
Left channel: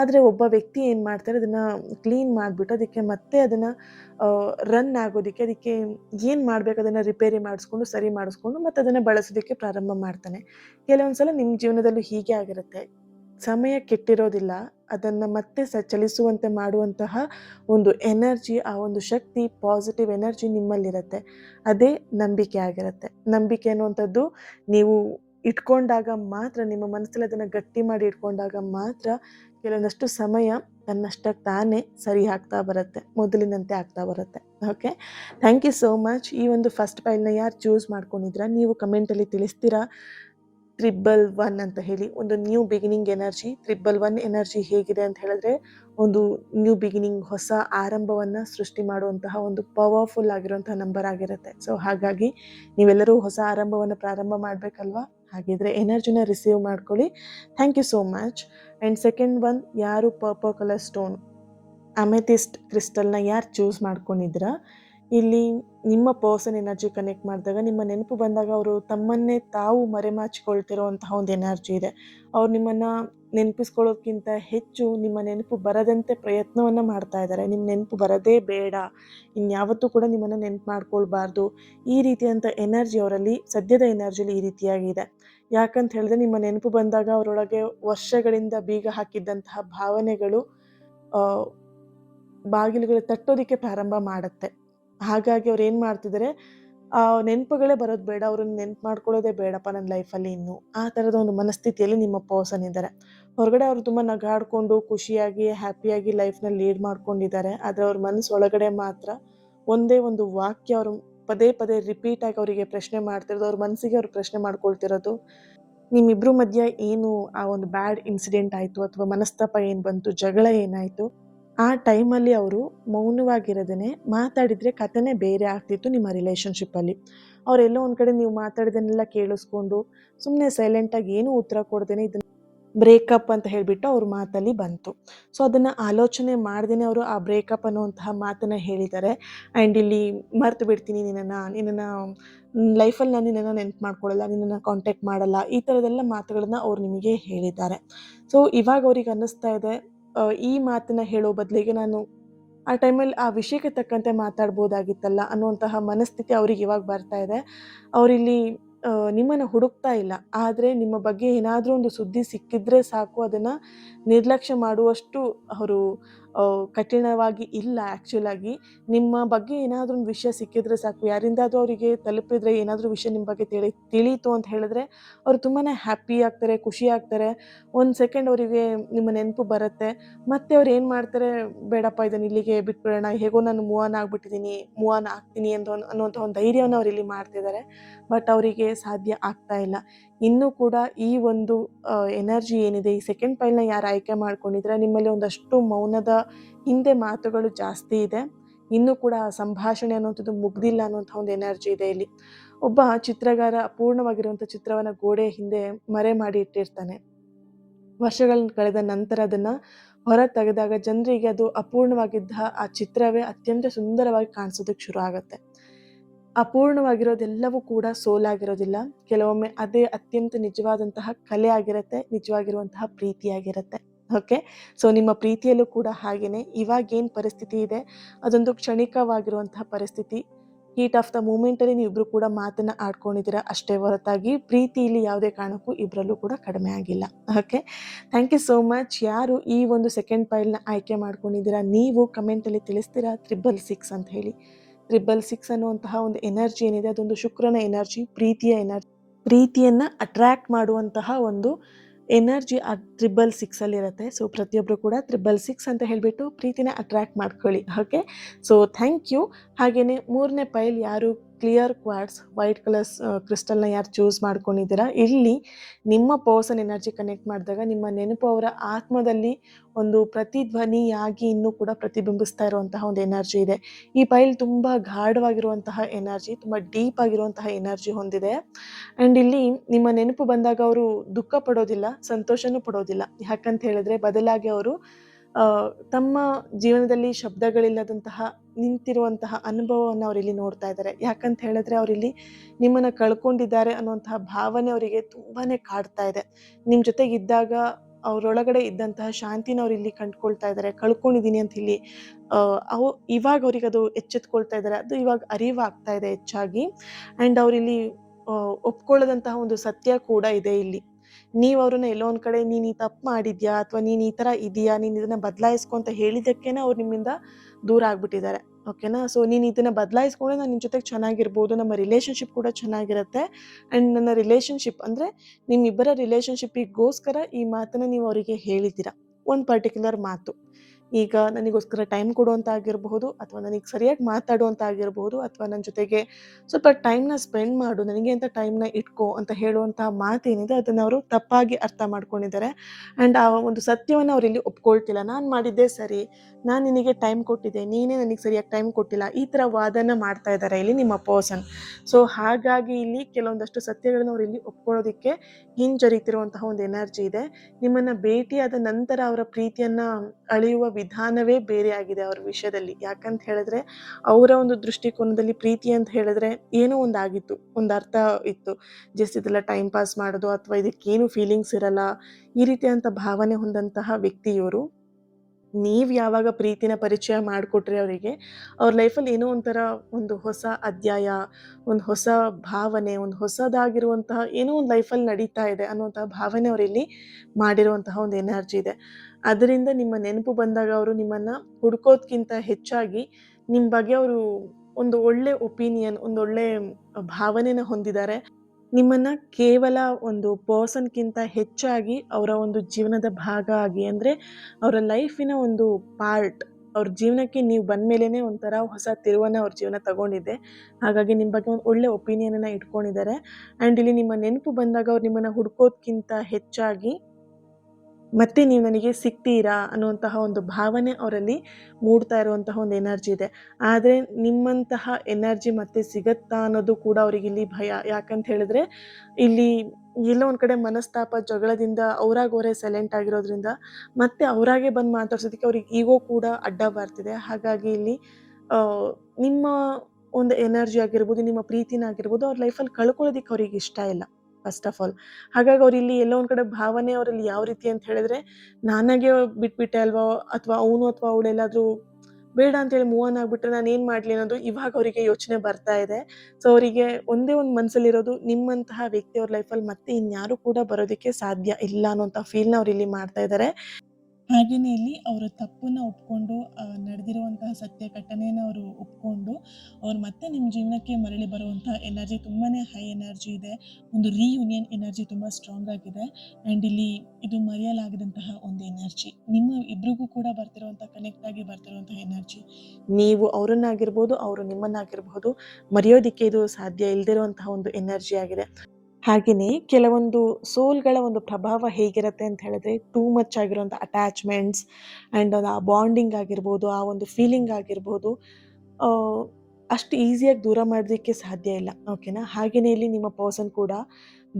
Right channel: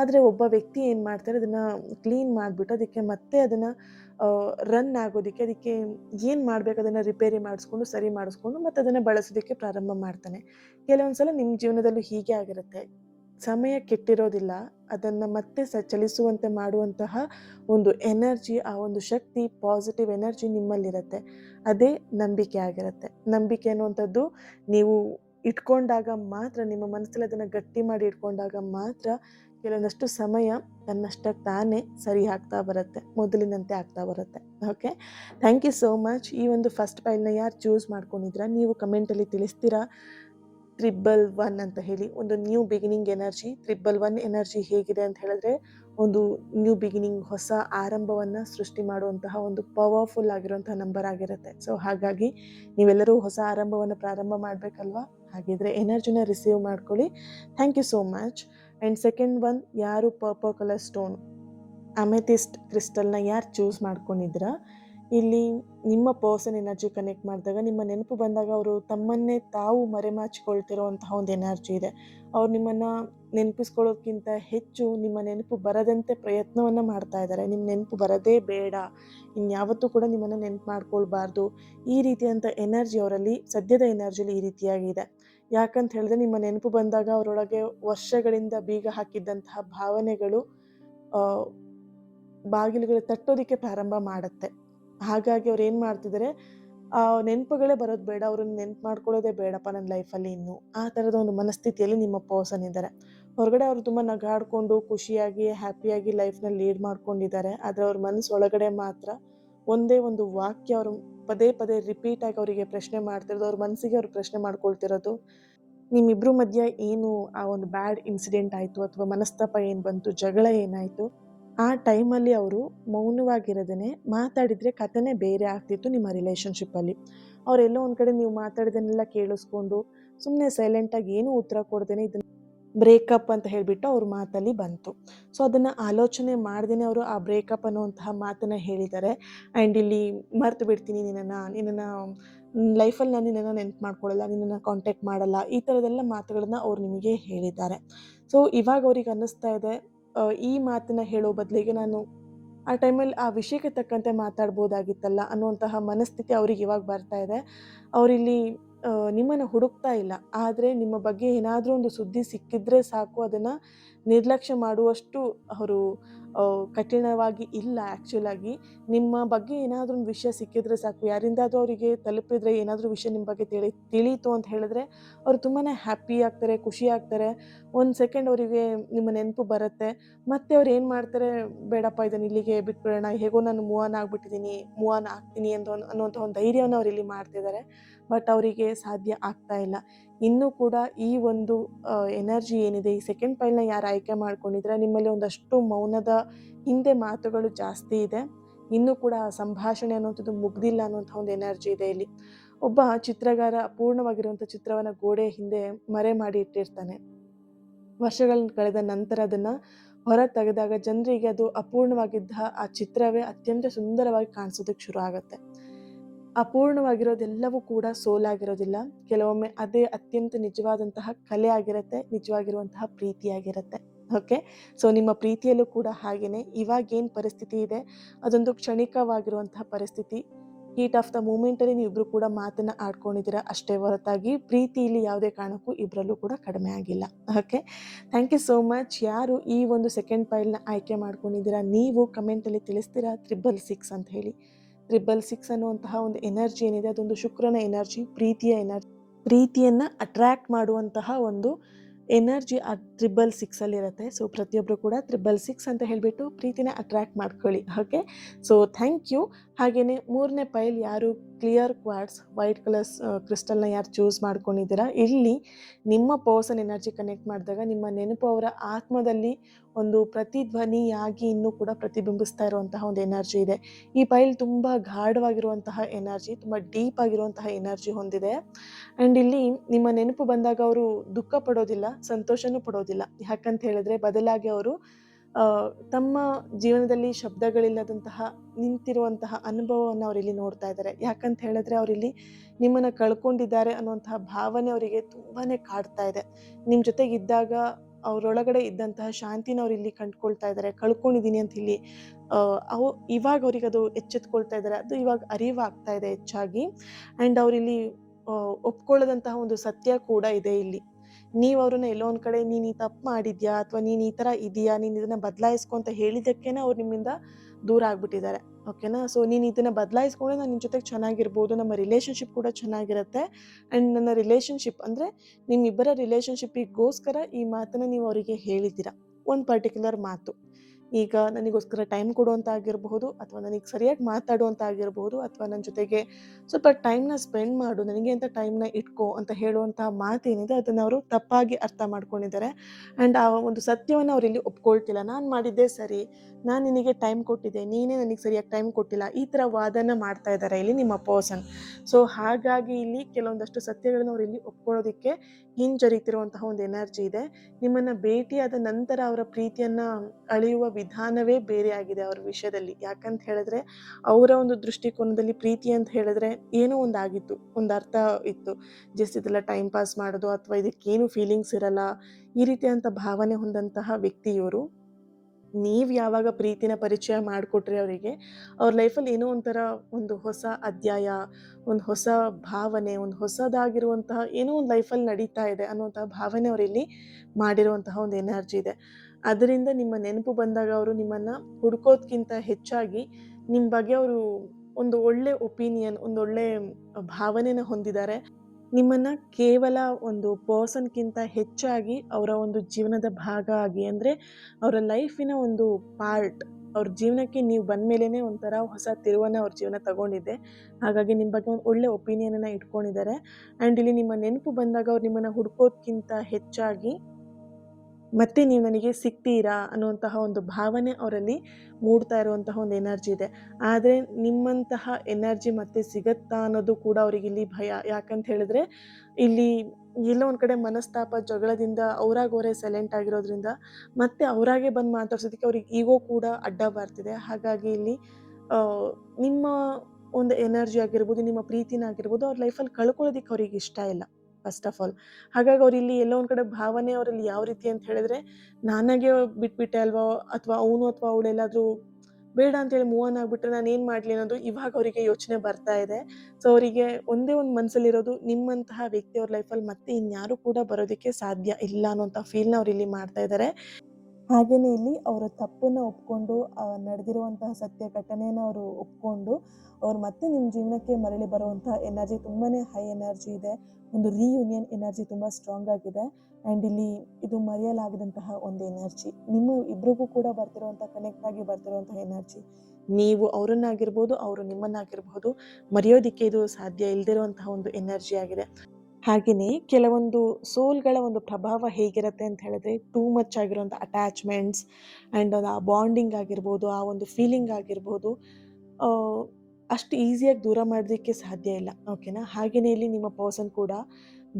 ಆದರೆ ಒಬ್ಬ ವ್ಯಕ್ತಿ ಏನು ಮಾಡ್ತಾರೆ, ಅದನ್ನು ಕ್ಲೀನ್ ಮಾಡಿಬಿಟ್ಟು ಅದಕ್ಕೆ ಮತ್ತೆ ಅದನ್ನು ರನ್ ಆಗೋದಕ್ಕೆ ಅದಕ್ಕೆ ಏನು ಮಾಡಬೇಕು ಅದನ್ನು ರಿಪೇರಿ ಮಾಡಿಸ್ಕೊಂಡು ಸರಿ ಮಾಡಿಸ್ಕೊಂಡು ಮತ್ತು ಅದನ್ನು ಬಳಸೋದಕ್ಕೆ ಪ್ರಾರಂಭ ಮಾಡ್ತಾನೆ. ಕೆಲವೊಂದು ಸಲ ನಿಮ್ಮ ಜೀವನದಲ್ಲೂ ಹೀಗೆ ಆಗಿರುತ್ತೆ. ಸಮಯ ಕೆಟ್ಟಿರೋದಿಲ್ಲ, ಅದನ್ನು ಮತ್ತೆ ಚಲಿಸುವಂತೆ ಮಾಡುವಂತಹ ಒಂದು ಎನರ್ಜಿ, ಆ ಒಂದು ಶಕ್ತಿ, ಪಾಸಿಟಿವ್ ಎನರ್ಜಿ ನಿಮ್ಮಲ್ಲಿರುತ್ತೆ. ಅದೇ ನಂಬಿಕೆ ಆಗಿರುತ್ತೆ. ನಂಬಿಕೆ ಅನ್ನುವಂಥದ್ದು ನೀವು ಇಟ್ಕೊಂಡಾಗ ಮಾತ್ರ, ನಿಮ್ಮ ಮನಸ್ಸಲ್ಲಿ ಅದನ್ನು ಗಟ್ಟಿ ಮಾಡಿ ಇಟ್ಕೊಂಡಾಗ ಮಾತ್ರ ಕೆಲವೊಂದಷ್ಟು ಸಮಯ ತನ್ನಷ್ಟಕ್ಕೆ ತಾನೇ ಸರಿ ಆಗ್ತಾ ಬರುತ್ತೆ, ಮೊದಲಿನಂತೆ ಆಗ್ತಾ ಬರುತ್ತೆ. Okay, thank you so much. ಈ ಒಂದು ಫಸ್ಟ್ ಫೈಲ್ನ ಯಾರು ಚೂಸ್ ಮಾಡ್ಕೊಂಡಿದ್ದೀರಾ ನೀವು ಕಮೆಂಟಲ್ಲಿ ತಿಳಿಸ್ತೀರಾ. 111 ಅಂತ ಹೇಳಿ ಒಂದು ನ್ಯೂ ಬಿಗಿನಿಂಗ್ ಎನರ್ಜಿ. 111 ಎನರ್ಜಿ ಹೇಗಿದೆ ಅಂತ ಹೇಳಿದ್ರೆ ಒಂದು ನ್ಯೂ ಬಿಗಿನಿಂಗ್, ಹೊಸ ಆರಂಭವನ್ನು ಸೃಷ್ಟಿ ಮಾಡುವಂತಹ ಒಂದು ಪವರ್ಫುಲ್ ಆಗಿರುವಂತಹ ನಂಬರ್ ಆಗಿರುತ್ತೆ. ಸೊ ಹಾಗಾಗಿ ನೀವೆಲ್ಲರೂ ಹೊಸ ಆರಂಭವನ್ನು ಪ್ರಾರಂಭ ಮಾಡಬೇಕಲ್ವಾ? ಹಾಗಿದ್ರೆ ಎನರ್ಜಿನ ರಿಸೀವ್ ಮಾಡ್ಕೊಳ್ಳಿ. Thank you so much. And second one, ಯಾರು ಪರ್ಪಲ್ ಕಲರ್ ಸ್ಟೋನ್ ಅಮೆಥಿಸ್ಟ್ ಕ್ರಿಸ್ಟಲ್ನ ಯಾರು ಚೂಸ್ ಮಾಡ್ಕೊಂಡಿದ್ದೀರಾ, ಇಲ್ಲಿ ನಿಮ್ಮ ಪರ್ಸನ್ ಎನರ್ಜಿ ಕನೆಕ್ಟ್ ಮಾಡಿದಾಗ ನಿಮ್ಮ ನೆನಪು ಬಂದಾಗ ಅವರು ತಮ್ಮನ್ನೇ ತಾವು ಮರೆಮಾಚಿಕೊಳ್ತಿರೋಂತಹ ಒಂದು ಎನರ್ಜಿ ಇದೆ. ಅವ್ರು ನಿಮ್ಮನ್ನು ನೆನಪಿಸ್ಕೊಳ್ಳೋದಕ್ಕಿಂತ ಹೆಚ್ಚು ನಿಮ್ಮ ನೆನಪು ಬರದಂತೆ ಪ್ರಯತ್ನವನ್ನು ಮಾಡ್ತಾ ಇದ್ದಾರೆ. ನಿಮ್ಮ ನೆನಪು ಬರದೇ ಬೇಡ, ಇನ್ಯಾವತ್ತೂ ಕೂಡ ನಿಮ್ಮನ್ನು ನೆನಪು ಮಾಡ್ಕೊಳ್ಬಾರ್ದು, ಈ ರೀತಿಯಂಥ ಎನರ್ಜಿ ಅವರಲ್ಲಿ ಸದ್ಯದ ಎನರ್ಜಿಲಿ ಈ ರೀತಿಯಾಗಿದೆ. ಯಾಕಂತ ಹೇಳಿದ್ರೆ ನಿಮ್ಮ ನೆನಪು ಬಂದಾಗ ಅವರೊಳಗೆ ವರ್ಷಗಳಿಂದ ಬೀಗ ಹಾಕಿದ್ದಂತಹ ಭಾವನೆಗಳು ಬಾಗಿಲುಗಳು ತಟ್ಟೋದಕ್ಕೆ ಪ್ರಾರಂಭ ಮಾಡುತ್ತೆ. ಹಾಗಾಗಿ ಅವ್ರು ಏನು ಮಾಡ್ತಿದ್ದಾರೆ, ನೆನಪುಗಳೇ ಬರೋದು ಬೇಡ, ಅವ್ರನ್ನ ನೆನಪು ಮಾಡ್ಕೊಳ್ಳೋದೇ ಬೇಡಪ್ಪ ನನ್ನ ಲೈಫಲ್ಲಿ ಇನ್ನು, ಆ ಥರದ ಒಂದು ಮನಸ್ಥಿತಿಯಲ್ಲಿ ನಿಮ್ಮ ಪರ್ಸನ್ ಇದ್ದಾರೆ. ಹೊರಗಡೆ ಅವರು ತುಂಬ ನಗಾಡಿಕೊಂಡು ಖುಷಿಯಾಗಿ ಹ್ಯಾಪಿಯಾಗಿ ಲೈಫ್ನ ಲೀಡ್ ಮಾಡ್ಕೊಂಡಿದ್ದಾರೆ. ಆದರೆ ಅವ್ರ ಮನಸ್ಸೊಳಗಡೆ ಮಾತ್ರ ಒಂದೇ ಒಂದು ವಾಕ್ಯ ಅವರು ಪದೇ ಪದೇ ರಿಪೀಟಾಗಿ ಅವರಿಗೆ ಪ್ರಶ್ನೆ ಮಾಡ್ತಿರೋದು, ಅವ್ರ ಮನಸ್ಸಿಗೆ ಅವ್ರು ಪ್ರಶ್ನೆ ಮಾಡ್ಕೊಳ್ತಿರೋದು, ನಿಮ್ಮಿಬ್ಬರ ಮಧ್ಯೆ ಏನು ಆ ಒಂದು ಬ್ಯಾಡ್ ಇನ್ಸಿಡೆಂಟ್ ಆಯಿತು ಅಥವಾ ಮನಸ್ತಾಪ ಏನು ಬಂತು, ಜಗಳ ಏನಾಯಿತು, ಆ ಟೈಮಲ್ಲಿ ಅವರು ಮೌನವಾಗಿರೋದೇ ಮಾತಾಡಿದರೆ ಕಥೆನೇ ಬೇರೆ ಆಗ್ತಿತ್ತು ನಿಮ್ಮ ರಿಲೇಷನ್ಶಿಪ್ಪಲ್ಲಿ. ಅವರೆಲ್ಲೋ ಒಂದು ಕಡೆ ನೀವು ಮಾತಾಡಿದನ್ನೆಲ್ಲ ಕೇಳಿಸ್ಕೊಂಡು ಸುಮ್ಮನೆ ಸೈಲೆಂಟಾಗಿ ಏನೂ ಉತ್ತರ ಕೊಡ್ದೇನೆ ಇದನ್ನು ಬ್ರೇಕಪ್ ಅಂತ ಹೇಳಿಬಿಟ್ಟು ಅವ್ರ ಮಾತಲ್ಲಿ ಬಂತು. ಸೊ ಅದನ್ನು ಆಲೋಚನೆ ಮಾಡ್ದೇ ಅವರು ಆ ಬ್ರೇಕಪ್ ಅನ್ನುವಂತಹ ಮಾತನ್ನು ಹೇಳಿದ್ದಾರೆ. ಆ್ಯಂಡ್ ಇಲ್ಲಿ ಮರ್ತು ಬಿಡ್ತೀನಿ ನಿನ್ನನ್ನು ಲೈಫಲ್ಲಿ ನಾನು ನಿನ್ನನ್ನು ನೆನಪು ಮಾಡ್ಕೊಳ್ಳಲ್ಲ, ನಿನ್ನನ್ನು ಕಾಂಟ್ಯಾಕ್ಟ್ ಮಾಡಲ್ಲ, ಈ ಥರದೆಲ್ಲ ಮಾತುಗಳನ್ನು ಅವ್ರು ನಿಮಗೆ ಹೇಳಿದ್ದಾರೆ. ಸೊ ಇವಾಗ ಅವ್ರಿಗೆ ಅನ್ನಿಸ್ತಾ ಇದೆ, ಈ ಮಾತನ್ನು ಹೇಳೋ ಬದಲಿಗೆ ನಾನು ಆ ಟೈಮಲ್ಲಿ ಆ ವಿಷಯಕ್ಕೆ ತಕ್ಕಂತೆ ಮಾತಾಡ್ಬೋದಾಗಿತ್ತಲ್ಲ ಅನ್ನುವಂತಹ ಮನಸ್ಥಿತಿ ಅವ್ರಿಗೆ ಇವಾಗ ಬರ್ತಾ ಇದೆ. ಅವರಿಲ್ಲಿ ನಿಮ್ಮನ್ನು ಹುಡುಕ್ತಾ ಇಲ್ಲ, ಆದರೆ ನಿಮ್ಮ ಬಗ್ಗೆ ಏನಾದರೂ ಒಂದು ಸುದ್ದಿ ಸಿಕ್ಕಿದ್ರೆ ಸಾಕು ಅದನ್ನು ನಿರ್ಲಕ್ಷ್ಯ ಮಾಡುವಷ್ಟು ಅವರು ಕಠಿಣವಾಗಿ ಇಲ್ಲ. ಆ್ಯಕ್ಚುಲಾಗಿ ನಿಮ್ಮ ಬಗ್ಗೆ ಏನಾದರೂ ಒಂದು ವಿಷಯ ಸಿಕ್ಕಿದ್ರೆ ಸಾಕು, ಯಾರಿಂದಾದರೂ ಅವರಿಗೆ ತಲುಪಿದರೆ, ಏನಾದರೂ ವಿಷಯ ನಿಮ್ಮ ಬಗ್ಗೆ ತಿಳಿಯಿತು ಅಂತ ಹೇಳಿದ್ರೆ ಅವರು ತುಂಬಾ ಹ್ಯಾಪಿ ಆಗ್ತಾರೆ, ಖುಷಿ ಆಗ್ತಾರೆ. ಒಂದು ಸೆಕೆಂಡ್ ಅವರಿಗೆ ನಿಮ್ಮ ನೆನಪು ಬರುತ್ತೆ. ಮತ್ತು ಅವ್ರು ಏನು ಮಾಡ್ತಾರೆ, ಬೇಡಪ್ಪ ಇದನ್ನು ಇಲ್ಲಿಗೆ ಬಿಟ್ಬಿಡೋಣ, ಹೇಗೋ ನಾನು ಮೂವ್ ಆನ್ ಆಗ್ತೀನಿ ಅನ್ನೋಂಥ ಒಂದು ಧೈರ್ಯವನ್ನು ಅವ್ರು ಇಲ್ಲಿ ಮಾಡ್ತಿದ್ದಾರೆ. ಬಟ್ ಅವರಿಗೆ ಸಾಧ್ಯ ಆಗ್ತಾ ಇಲ್ಲ. ಇನ್ನೂ ಕೂಡ ಈ ಒಂದು ಎನರ್ಜಿ ಏನಿದೆ, ಈ ಸೆಕೆಂಡ್ ಫೈಲ್ನ ಯಾರು ಆಯ್ಕೆ ಮಾಡ್ಕೊಂಡಿದ್ರೆ ನಿಮ್ಮಲ್ಲಿ ಒಂದಷ್ಟು ಮೌನದ ಹಿಂದೆ ಮಾತುಗಳು ಜಾಸ್ತಿ ಇದೆ. ಇನ್ನೂ ಕೂಡ ಸಂಭಾಷಣೆ ಅನ್ನುವಂಥದ್ದು ಮುಗ್ದಿಲ್ಲ ಅನ್ನುವಂಥ ಒಂದು ಎನರ್ಜಿ ಇದೆ ಇಲ್ಲಿ. ಒಬ್ಬ ಚಿತ್ರಗಾರ ಅಪೂರ್ಣವಾಗಿರುವಂಥ ಚಿತ್ರವನ್ನು ಗೋಡೆ ಹಿಂದೆ ಮರೆ ಮಾಡಿ ಇಟ್ಟಿರ್ತಾನೆ. ವರ್ಷಗಳನ್ನು ಕಳೆದ ನಂತರ ಅದನ್ನು ಹೊರ ತೆಗೆದಾಗ ಜನರಿಗೆ ಅದು ಅಪೂರ್ಣವಾಗಿದ್ದ ಆ ಚಿತ್ರವೇ ಅತ್ಯಂತ ಸುಂದರವಾಗಿ ಕಾಣಿಸೋದಕ್ಕೆ ಶುರು ಆಗುತ್ತೆ. ಅಪೂರ್ಣವಾಗಿರೋದೆಲ್ಲವೂ ಕೂಡ ಸೋಲಾಗಿರೋದಿಲ್ಲ, ಕೆಲವೊಮ್ಮೆ ಅದೇ ಅತ್ಯಂತ ನಿಜವಾದಂತಹ ಕಲೆ ಆಗಿರುತ್ತೆ, ನಿಜವಾಗಿರುವಂತಹ ಪ್ರೀತಿಯಾಗಿರುತ್ತೆ. ಓಕೆ, ಸೊ ನಿಮ್ಮ ಪ್ರೀತಿಯಲ್ಲೂ ಕೂಡ ಹಾಗೆಯೇ ಇವಾಗೇನು ಪರಿಸ್ಥಿತಿ ಇದೆ ಅದೊಂದು ಕ್ಷಣಿಕವಾಗಿರುವಂತಹ ಪರಿಸ್ಥಿತಿ. ಹೀಟ್ ಆಫ್ ದ ಮೂಮೆಂಟಲ್ಲಿ ನೀವಿಬ್ಬರು ಕೂಡ ಮಾತನ್ನು ಆಡ್ಕೊಂಡಿದ್ದೀರಾ ಅಷ್ಟೇ ಹೊರತಾಗಿ ಪ್ರೀತಿಯಲ್ಲಿ ಯಾವುದೇ ಕಾರಣಕ್ಕೂ ಇಬ್ಬರಲ್ಲೂ ಕೂಡ ಕಡಿಮೆ ಆಗಿಲ್ಲ. Okay, thank you so much. ಯಾರು ಈ ಒಂದು ಸೆಕೆಂಡ್ ಫೈಲ್ನ ಆಯ್ಕೆ ಮಾಡ್ಕೊಂಡಿದ್ದೀರಾ ನೀವು ಕಮೆಂಟಲ್ಲಿ ತಿಳಿಸ್ತೀರಾ 666 ಅಂತ ಹೇಳಿ. 666 ಅನ್ನುವಂತಹ ಒಂದು ಎನರ್ಜಿ ಏನಿದೆ ಅದೊಂದು ಶುಕ್ರನ ಎನರ್ಜಿ, ಪ್ರೀತಿಯ ಎನರ್ಜಿ, ಪ್ರೀತಿಯನ್ನು ಅಟ್ರ್ಯಾಕ್ಟ್ ಮಾಡುವಂತಹ ಒಂದು ಎನರ್ಜಿ ಆ 666 ಇರುತ್ತೆ. ಸೊ ಪ್ರತಿಯೊಬ್ಬರು ಕೂಡ 666 ಅಂತ ಹೇಳಿಬಿಟ್ಟು ಪ್ರೀತಿನ ಅಟ್ರ್ಯಾಕ್ಟ್ ಮಾಡ್ಕೊಳ್ಳಿ. Okay, so thank you. ಹಾಗೆಯೇ ಮೂರನೇ ಫೈಲ್, ಯಾರು ಕ್ಲಿಯರ್ ಕ್ವಾರ್ಟ್ಸ್ ವೈಟ್ ಕಲರ್ಸ್ ಕ್ರಿಸ್ಟಲ್ನ ಯಾರು ಚೂಸ್ ಮಾಡ್ಕೊಂಡಿದ್ದೀರಾ, ಇಲ್ಲಿ ನಿಮ್ಮ ಪರ್ಸನ್ ಎನರ್ಜಿ ಕನೆಕ್ಟ್ ಮಾಡಿದಾಗ ನಿಮ್ಮ ನೆನಪು ಅವರ ಆತ್ಮದಲ್ಲಿ ಒಂದು ಪ್ರತಿಧ್ವನಿಯಾಗಿ ಇನ್ನೂ ಕೂಡ ಪ್ರತಿಬಿಂಬಿಸ್ತಾ ಇರುವಂತಹ ಒಂದು ಎನರ್ಜಿ ಇದೆ. ಈ ಫೈಲ್ ತುಂಬ ಗಾಢವಾಗಿರುವಂತಹ ಎನರ್ಜಿ, ತುಂಬ ಡೀಪ್ ಆಗಿರುವಂತಹ ಎನರ್ಜಿ ಹೊಂದಿದೆ. ಆ್ಯಂಡ್ ಇಲ್ಲಿ ನಿಮ್ಮ ನೆನಪು ಬಂದಾಗ ಅವರು ದುಃಖ ಪಡೋದಿಲ್ಲ, ಸಂತೋಷನೂ ಪಡೋದಿಲ್ಲ. ಯಾಕಂತ ಹೇಳಿದ್ರೆ ಬದಲಾಗಿ ಅವರು ತಮ್ಮ ಜೀವನದಲ್ಲಿ ಶಬ್ದಗಳಿಲ್ಲದಂತಹ ನಿಂತಿರುವಂತಹ ಅನುಭವವನ್ನು ಅವರಿಲ್ಲಿ ನೋಡ್ತಾ ಇದ್ದಾರೆ. ಯಾಕಂತ ಹೇಳಿದ್ರೆ ಅವರಿಲ್ಲಿ ನಿಮ್ಮನ್ನು ಕಳ್ಕೊಂಡಿದ್ದಾರೆ ಅನ್ನುವಂತಹ ಭಾವನೆ ಅವರಿಗೆ ತುಂಬಾ ಕಾಡ್ತಾ ಇದೆ. ನಿಮ್ಮ ಜೊತೆಗಿದ್ದಾಗ ಅವರೊಳಗಡೆ ಇದ್ದಂತಹ ಶಾಂತಿನ ಅವ್ರು ಇಲ್ಲಿ ಕಂಡುಕೊಳ್ತಾ ಇದ್ದಾರೆ. ಕಳ್ಕೊಂಡಿದ್ದೀನಿ ಅಂತ ಇಲ್ಲಿ ಇವಾಗ ಅವ್ರಿಗೆ ಅದು ಎಚ್ಚೆತ್ಕೊಳ್ತಾ ಇದ್ದಾರೆ, ಅದು ಇವಾಗ ಅರಿವಾಗ್ತಾ ಇದೆ ಹೆಚ್ಚಾಗಿ. ಆ್ಯಂಡ್ ಅವರಿಲ್ಲಿ ಒಪ್ಕೊಳ್ಳೋದಂತಹ ಒಂದು ಸತ್ಯ ಕೂಡ ಇದೆ ಇಲ್ಲಿ. ನೀವು ಅವ್ರನ್ನ ಎಲ್ಲೋ ಒಂದು ಕಡೆ ನೀನು ಈ ತಪ್ಪು ಮಾಡಿದ್ಯಾ ಅಥವಾ ನೀನು ಈ ಥರ ಇದೆಯಾ, ನೀನು ಇದನ್ನು ಬದಲಾಯಿಸ್ಕೊ ಅಂತ ಹೇಳಿದ್ದಕ್ಕೇ ಅವ್ರು ನಿಮ್ಮಿಂದ ದೂರ ಆಗ್ಬಿಟ್ಟಿದ್ದಾರೆ. ಓಕೆನಾ. ಸೊ ನೀನು ಇದನ್ನು ಬದಲಾಯಿಸ್ಕೊಂಡ್ರೆ ನಾನು ನಿನ್ನ ಜೊತೆಗೆ ಚೆನ್ನಾಗಿರ್ಬೋದು, ನಮ್ಮ ರಿಲೇಷನ್ಶಿಪ್ ಕೂಡ ಚೆನ್ನಾಗಿರುತ್ತೆ. ಆ್ಯಂಡ್ ನನ್ನ ರಿಲೇಷನ್ಶಿಪ್ ಅಂದರೆ ನಿಮ್ಮಿಬ್ಬರ ರಿಲೇಷನ್ಶಿಪ್ಪಿಗೋಸ್ಕರ ಈ ಮಾತನ್ನು ನೀವು ಅವರಿಗೆ ಹೇಳಿದ್ದೀರಾ, ಒಂದು ಪರ್ಟಿಕ್ಯುಲರ್ ಮಾತು. ಈಗ ನನಗೋಸ್ಕರ ಟೈಮ್ ಕೊಡುವಂತ ಆಗಿರಬಹುದು, ಅಥವಾ ನನಗೆ ಸರಿಯಾಗಿ ಮಾತಾಡುವಂತ ಆಗಿರಬಹುದು, ಅಥವಾ ನನ್ನ ಜೊತೆಗೆ ಸ್ವಲ್ಪ ಟೈಮ್ನ ಸ್ಪೆಂಡ್ ಮಾಡು, ನನಗೆ ಅಂತ ಟೈಮ್ನ ಇಟ್ಕೋ ಅಂತ ಹೇಳುವಂಥ ಮಾತೇನಿದೆ ಅದನ್ನು ಅವರು ತಪ್ಪಾಗಿ ಅರ್ಥ ಮಾಡ್ಕೊಂಡಿದ್ದಾರೆ. ಆ್ಯಂಡ್ ಆ ಒಂದು ಸತ್ಯವನ್ನು ಅವರಿಲ್ಲಿ ಒಪ್ಕೊಳ್ತಿಲ್ಲ. ನಾನು ಮಾಡಿದ್ದೇ ಸರಿ, ನಾನು ನಿನಗೆ ಟೈಮ್ ಕೊಟ್ಟಿದ್ದೆ, ನೀನೇ ನನಗೆ ಸರಿಯಾಗಿ ಟೈಮ್ ಕೊಟ್ಟಿಲ್ಲ, ಈ ಥರ ವಾದನ ಮಾಡ್ತಾ ಇದ್ದಾರೆ ಇಲ್ಲಿ ನಿಮ್ಮ ಪರ್ಸನ್. ಸೊ ಹಾಗಾಗಿ ಇಲ್ಲಿ ಕೆಲವೊಂದಷ್ಟು ಸತ್ಯಗಳನ್ನು ಅವರು ಇಲ್ಲಿ ಒಪ್ಕೊಳ್ಳೋದಕ್ಕೆ ಹಿಂಜರಿತಿರುವಂತಹ ಒಂದು ಎನರ್ಜಿ ಇದೆ. ನಿಮ್ಮನ್ನು ಭೇಟಿಯಾದ ನಂತರ ಅವರ ಪ್ರೀತಿಯನ್ನು ಅಳೆಯುವ ವಿಧಾನವೇ ಬೇರೆ ಆಗಿದೆ ಅವ್ರ ವಿಷಯದಲ್ಲಿ. ಯಾಕಂತ ಹೇಳಿದ್ರೆ ಅವರ ಒಂದು ದೃಷ್ಟಿಕೋನದಲ್ಲಿ ಪ್ರೀತಿ ಅಂತ ಹೇಳಿದ್ರೆ ಏನೋ ಒಂದು ಆಗಿತ್ತು, ಒಂದು ಅರ್ಥ ಇತ್ತು. ಜಸ್ಟ್ ಇದೆಲ್ಲ ಟೈಮ್ ಪಾಸ್ ಮಾಡೋದು, ಅಥವಾ ಇದಕ್ಕೇನು ಫೀಲಿಂಗ್ಸ್ ಇರಲ್ಲ, ಈ ರೀತಿಯಂಥ ಭಾವನೆ ಹೊಂದಂತಹ ವ್ಯಕ್ತಿ ಇವರು. ನೀವು ಯಾವಾಗ ಪ್ರೀತಿನ ಪರಿಚಯ ಮಾಡಿಕೊಟ್ರೆ ಅವರಿಗೆ, ಅವ್ರ ಲೈಫಲ್ಲಿ ಏನೋ ಒಂಥರ ಒಂದು ಹೊಸ ಅಧ್ಯಾಯ, ಒಂದು ಹೊಸ ಭಾವನೆ, ಒಂದು ಹೊಸದಾಗಿರುವಂತಹ ಏನೋ ಒಂದು ಲೈಫಲ್ಲಿ ನಡೀತಾ ಇದೆ ಅನ್ನುವಂತಹ ಭಾವನೆ ಅವರಲ್ಲಿ ಮಾಡಿರುವಂತಹ ಒಂದು ಎನರ್ಜಿ ಇದೆ. ಅದರಿಂದ ನಿಮ್ಮ ನೆನಪು ಬಂದಾಗ ಅವರು ನಿಮ್ಮನ್ನು ಹುಡ್ಕೋದ್ಕಿಂತ ಹೆಚ್ಚಾಗಿ ನಿಮ್ಮ ಬಗ್ಗೆ ಅವರು ಒಂದು ಒಳ್ಳೆ ಒಪಿನಿಯನ್, ಒಂದು ಒಳ್ಳೆ ಭಾವನೆನ ಹೊಂದಿದ್ದಾರೆ. ನಿಮ್ಮನ್ನು ಕೇವಲ ಒಂದು ಪರ್ಸನ್ಗಿಂತ ಹೆಚ್ಚಾಗಿ ಅವರ ಒಂದು ಜೀವನದ ಭಾಗ ಆಗಿ, ಅಂದರೆ ಅವರ ಲೈಫಿನ ಒಂದು ಪಾರ್ಟ್, ಅವ್ರ ಜೀವನಕ್ಕೆ ನೀವು ಬಂದ ಮೇಲೇ ಒಂಥರ ಹೊಸ ತಿರುವನ್ನು ಅವ್ರ ಜೀವನ ತಗೊಂಡಿದೆ. ಹಾಗಾಗಿ ನಿಮ್ಮ ಬಗ್ಗೆ ಒಂದು ಒಳ್ಳೆ ಒಪಿನಿಯನನ್ನು ಇಟ್ಕೊಂಡಿದ್ದಾರೆ. ಆ್ಯಂಡ್ ಇಲ್ಲಿ ನಿಮ್ಮ ನೆನಪು ಬಂದಾಗ ಅವ್ರು ನಿಮ್ಮನ್ನು ಹುಡ್ಕೋದ್ಕಿಂತ ಹೆಚ್ಚಾಗಿ ಮತ್ತೆ ನೀವು ನನಗೆ ಸಿಗ್ತೀರಾ ಅನ್ನುವಂತಹ ಒಂದು ಭಾವನೆ ಅವರಲ್ಲಿ ಮೂಡ್ತಾ ಇರುವಂತಹ ಒಂದು ಎನರ್ಜಿ ಇದೆ. ಆದರೆ ನಿಮ್ಮಂತಹ ಎನರ್ಜಿ ಮತ್ತೆ ಸಿಗತ್ತಾ ಅನ್ನೋದು ಕೂಡ ಅವರಿಗೆ ಇಲ್ಲಿ ಭಯ. ಯಾಕಂತ ಹೇಳಿದ್ರೆ ಇಲ್ಲಿ ಎಲ್ಲೋ ಒಂದು ಕಡೆ ಮನಸ್ತಾಪ, ಜಗಳದಿಂದ ಅವರಾಗವರೇ ಸೈಲೆಂಟ್ ಆಗಿರೋದ್ರಿಂದ ಮತ್ತೆ ಅವರಾಗೆ ಬಂದು ಮಾತಾಡ್ಸೋದಕ್ಕೆ ಅವ್ರಿಗೆ ಈಗೋ ಕೂಡ ಅಡ್ಡ ಬರ್ತಿದೆ. ಹಾಗಾಗಿ ಇಲ್ಲಿ ನಿಮ್ಮ ಒಂದು ಎನರ್ಜಿ ಆಗಿರ್ಬೋದು, ನಿಮ್ಮ ಪ್ರೀತಿನ ಆಗಿರ್ಬೋದು ಅವ್ರ ಲೈಫಲ್ಲಿ ಕಳ್ಕೊಳ್ಳೋದಕ್ಕೆ ಅವ್ರಿಗೆ ಇಷ್ಟ ಇಲ್ಲ ಫಸ್ಟ್ ಆಫ್ ಆಲ್. ಹಾಗಾಗಿ ಅವ್ರು ಇಲ್ಲಿ ಎಲ್ಲೋ ಒಂದು ಕಡೆ ಭಾವನೆ ಅವರಲ್ಲಿ ಯಾವ ರೀತಿ ಅಂತ ಹೇಳಿದ್ರೆ, ನಾನಾಗೆ ಬಿಟ್ಬಿಟ್ಟೆ ಅಲ್ವಾ, ಅಥವಾ ಅವನು ಅಥವಾ ಅವಳೆಲ್ಲಾದರೂ ಬೇಡ ಅಂತೇಳಿ ಮೂವ್ ಆನ್ ಆಗಿಬಿಟ್ರೆ ನಾನು ಏನು ಮಾಡಲಿ ಅನ್ನೋದು ಇವಾಗ ಅವರಿಗೆ ಯೋಚನೆ ಬರ್ತಾ ಇದೆ. ಸೊ ಅವರಿಗೆ ಒಂದೇ ಒಂದು ಮನಸ್ಸಲ್ಲಿರೋದು, ನಿಮ್ಮಂತಹ ವ್ಯಕ್ತಿ ಅವ್ರ ಲೈಫಲ್ಲಿ ಮತ್ತೆ ಇನ್ಯಾರೂ ಕೂಡ ಬರೋದಕ್ಕೆ ಸಾಧ್ಯ ಇಲ್ಲ ಅನ್ನೋಂಥ ಫೀಲ್ನ ಅವ್ರು ಇಲ್ಲಿ ಮಾಡ್ತಾ ಇದ್ದಾರೆ. ಹಾಗೆಯೇ ಇಲ್ಲಿ ಅವರ ತಪ್ಪನ್ನು ಒಪ್ಕೊಂಡು ನಡೆದಿರುವಂತಹ ಸತ್ಯ ಘಟನೆಯನ್ನು ಅವರು ಒಪ್ಕೊಂಡು ಅವ್ರು ಮತ್ತೆ ನಿಮ್ಮ ಜೀವನಕ್ಕೆ ಮರಳಿ ಬರುವಂಥ ಎನರ್ಜಿ ತುಂಬಾ ಹೈ ಎನರ್ಜಿ ಇದೆ. ಒಂದು ರೀಯೂನಿಯನ್ ಎನರ್ಜಿ ತುಂಬ ಸ್ಟ್ರಾಂಗ್ ಆಗಿದೆ. ಆ್ಯಂಡ್ ಇಲ್ಲಿ ಇದು ಮರೆಯಲಾಗದಂತಹ ಒಂದು ಎನರ್ಜಿ, ನಿಮ್ಮ ಇಬ್ಬರಿಗೂ ಕೂಡ ಕನೆಕ್ಟ್ ಆಗಿ ಬರ್ತಿರುವಂಥ ಎನರ್ಜಿ. ನೀವು ಅವರನ್ನಾಗಿರ್ಬೋದು, ಅವರು ನಿಮ್ಮನ್ನಾಗಿರ್ಬೋದು, ಮರೆಯೋದಕ್ಕೆ ಇದು ಸಾಧ್ಯ ಇಲ್ಲದಿರುವಂತಹ ಒಂದು ಎನರ್ಜಿ ಆಗಿದೆ. ಹಾಗೆಯೇ ಕೆಲವೊಂದು ಸೋಲ್ಗಳ ಒಂದು ಪ್ರಭಾವ ಹೇಗಿರುತ್ತೆ ಅಂತ ಹೇಳಿದ್ರೆ, ಟೂ ಮಚ್ ಆಗಿರುವಂಥ ಅಟ್ಯಾಚ್ಮೆಂಟ್ಸ್ ಆ್ಯಂಡ್ ಆ ಬಾಂಡಿಂಗ್ ಆಗಿರ್ಬೋದು, ಆ ಒಂದು ಫೀಲಿಂಗ್ ಆಗಿರ್ಬೋದು, ಅಷ್ಟು ಈಸಿಯಾಗಿ ದೂರ ಮಾಡೋದಕ್ಕೆ ಸಾಧ್ಯ ಇಲ್ಲ. ಓಕೆನಾ. ಹಾಗೆಯೇ ಇಲ್ಲಿ ನಿಮ್ಮ ಪರ್ಸನ್ ಕೂಡ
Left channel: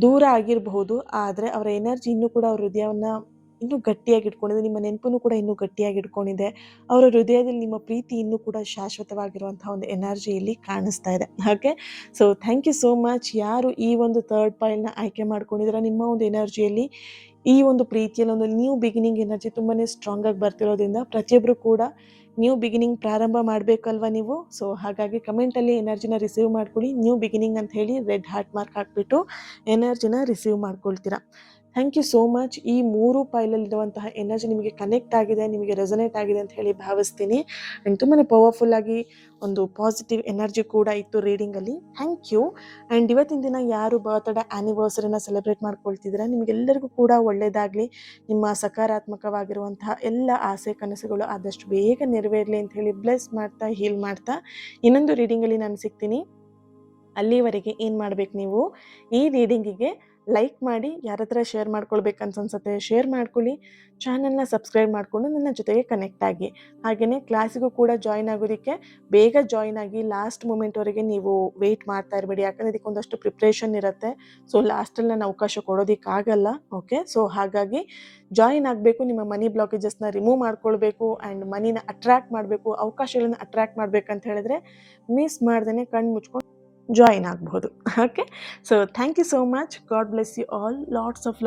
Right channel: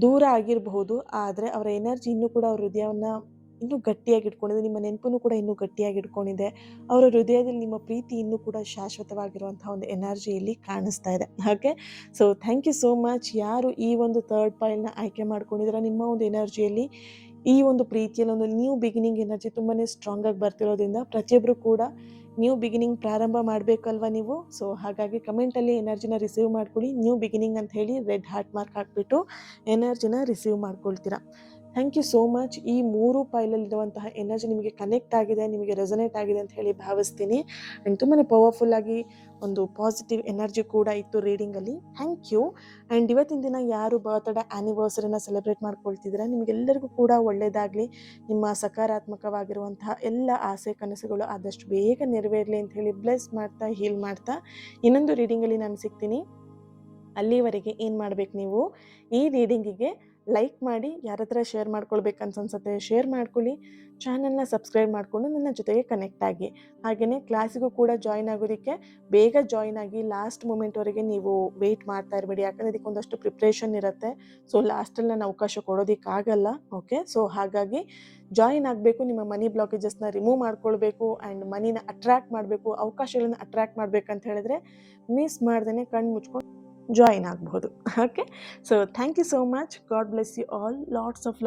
ದೂರ ಆಗಿರಬಹುದು, ಆದರೆ ಅವರ ಎನರ್ಜಿ ಇನ್ನೂ ಕೂಡ ಅವ್ರ ಹೃದಯವನ್ನು ಇನ್ನೂ ಗಟ್ಟಿಯಾಗಿ ಇಟ್ಕೊಂಡಿದೆ. ನಿಮ್ಮ ನೆನಪನ್ನು ಕೂಡ ಇನ್ನೂ ಗಟ್ಟಿಯಾಗಿ ಇಟ್ಕೊಂಡಿದೆ. ಅವರ ಹೃದಯದಲ್ಲಿ ನಿಮ್ಮ ಪ್ರೀತಿ ಇನ್ನೂ ಕೂಡ ಶಾಶ್ವತವಾಗಿರುವಂತಹ ಒಂದು ಎನರ್ಜಿ ಇಲ್ಲಿ ಕಾಣಿಸ್ತಾ ಇದೆ. Okay. So thank you so much. ಯಾರು ಈ ಒಂದು ಥರ್ಡ್ ಪಾಯಿಲ್ನ ಆಯ್ಕೆ ಮಾಡ್ಕೊಂಡಿದ್ದೀರಾ, ನಿಮ್ಮ ಒಂದು ಎನರ್ಜಿಯಲ್ಲಿ ಈ ಒಂದು ಪ್ರೀತಿಯಲ್ಲಿ ಒಂದು ನ್ಯೂ ಬಿಗಿನಿಂಗ್ ಎನರ್ಜಿ ತುಂಬಾ ಸ್ಟ್ರಾಂಗ್ ಆಗಿ ಬರ್ತಿರೋದ್ರಿಂದ ಪ್ರತಿಯೊಬ್ಬರು ಕೂಡ ನ್ಯೂ ಬಿಗಿನಿಂಗ್ ಪ್ರಾರಂಭ ಮಾಡಬೇಕಲ್ವ ನೀವು. ಸೊ ಹಾಗಾಗಿ ಕಮೆಂಟಲ್ಲಿ ಎನರ್ಜಿನ ರಿಸೀವ್ ಮಾಡ್ಕೊಳ್ಳಿ. ನ್ಯೂ ಬಿಗಿನಿಂಗ್ ಅಂತ ಹೇಳಿ ರೆಡ್ ಹಾರ್ಟ್ ಮಾರ್ಕ್ ಹಾಕ್ಬಿಟ್ಟು ಎನರ್ಜಿನ ರಿಸೀವ್ ಮಾಡ್ಕೊಳ್ತೀರಾ. Thank you so much. ಈ 3 ಪಾಯಿಲಲ್ಲಿರುವಂತಹ ಎನರ್ಜಿ ನಿಮಗೆ ಕನೆಕ್ಟ್ ಆಗಿದೆ, ನಿಮಗೆ ರೆಸೊನೇಟ್ ಆಗಿದೆ ಅಂತ ಹೇಳಿ ಭಾವಿಸ್ತೀನಿ. ಆ್ಯಂಡ್ ತುಂಬಾ ಪವರ್ಫುಲ್ಲಾಗಿ ಒಂದು ಪಾಸಿಟಿವ್ ಎನರ್ಜಿ ಕೂಡ ಇತ್ತು ರೀಡಿಂಗಲ್ಲಿ. Thank you. ಆ್ಯಂಡ್ ಇವತ್ತಿನ ದಿನ ಯಾರು ಬರ್ತ್ಡೇ ಆ್ಯನಿವರ್ಸರಿನ ಸೆಲೆಬ್ರೇಟ್ ಮಾಡ್ಕೊಳ್ತಿದ್ದೀರಾ, ನಿಮಗೆಲ್ಲರಿಗೂ ಕೂಡ ಒಳ್ಳೆಯದಾಗಲಿ. ನಿಮ್ಮ ಸಕಾರಾತ್ಮಕವಾಗಿರುವಂತಹ ಎಲ್ಲ ಆಸೆ ಕನಸುಗಳು ಆದಷ್ಟು ಬೇಗ ನೆರವೇರಲಿ ಅಂತ ಹೇಳಿ ಬ್ಲೆಸ್ ಮಾಡ್ತಾ, ಹೀಲ್ ಮಾಡ್ತಾ ಇನ್ನೊಂದು ರೀಡಿಂಗಲ್ಲಿ ನಾನು ಸಿಗ್ತೀನಿ. ಅಲ್ಲಿವರೆಗೆ ಏನು ಮಾಡಬೇಕು, ನೀವು ಈ ರೀಡಿಂಗಿಗೆ ಲೈಕ್ ಮಾಡಿ, ಯಾರ ಹತ್ರ ಶೇರ್ ಮಾಡ್ಕೊಳ್ಬೇಕಂತ ಅನ್ಸುತ್ತೆ ಶೇರ್ ಮಾಡ್ಕೊಳ್ಳಿ. ಚಾನಲ್ನ ಸಬ್ಸ್ಕ್ರೈಬ್ ಮಾಡಿಕೊಂಡು ನನ್ನ ಜೊತೆಗೆ ಕನೆಕ್ಟ್ ಆಗಿ. ಹಾಗೆಯೇ ಕ್ಲಾಸಿಗೂ ಕೂಡ ಜಾಯ್ನ್ ಆಗೋದಕ್ಕೆ ಬೇಗ ಜಾಯ್ನ್ ಆಗಿ. ಲಾಸ್ಟ್ ಮೂಮೆಂಟ್ವರೆಗೆ ನೀವು ವೆಯ್ಟ್ ಮಾಡ್ತಾ ಇರಬೇಡಿ, ಯಾಕಂದರೆ ಇದಕ್ಕೆ ಒಂದಷ್ಟು ಪ್ರಿಪ್ರೇಷನ್ ಇರುತ್ತೆ. ಸೊ ಲಾಸ್ಟಲ್ಲಿ ನಾನು ಅವಕಾಶ ಕೊಡೋದಕ್ಕಾಗಲ್ಲ. ಓಕೆ. ಸೊ ಹಾಗಾಗಿ ಜಾಯಿನ್ ಆಗಬೇಕು, ನಿಮ್ಮ ಮನಿ ಬ್ಲಾಕೇಜಸ್ನ ರಿಮೂವ್ ಮಾಡ್ಕೊಳ್ಬೇಕು ಆ್ಯಂಡ್ ಮನಿನ ಅಟ್ರ್ಯಾಕ್ಟ್ ಮಾಡಬೇಕು, ಅವಕಾಶಗಳನ್ನು ಅಟ್ರ್ಯಾಕ್ಟ್ ಮಾಡಬೇಕಂತ ಹೇಳಿದ್ರೆ ಮಿಸ್ ಮಾಡ್ದೇ ಕಣ್ಣು ಮುಚ್ಕೊಂಡು ಜಾಯಿನ್ ಆಗಬಹುದು. Okay. So thank you so much. God bless you all. Lots of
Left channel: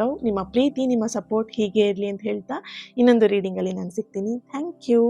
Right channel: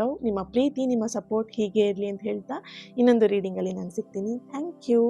love. ನಿಮ್ಮ ಪ್ರೀತಿ, ನಿಮ್ಮ ಸಪೋರ್ಟ್ ಹೀಗೆ ಇರಲಿ ಅಂತ ಹೇಳ್ತಾ ಇನ್ನೊಂದು ರೀಡಿಂಗಲ್ಲಿ ನಾನು ಸಿಗ್ತೀನಿ. Thank you.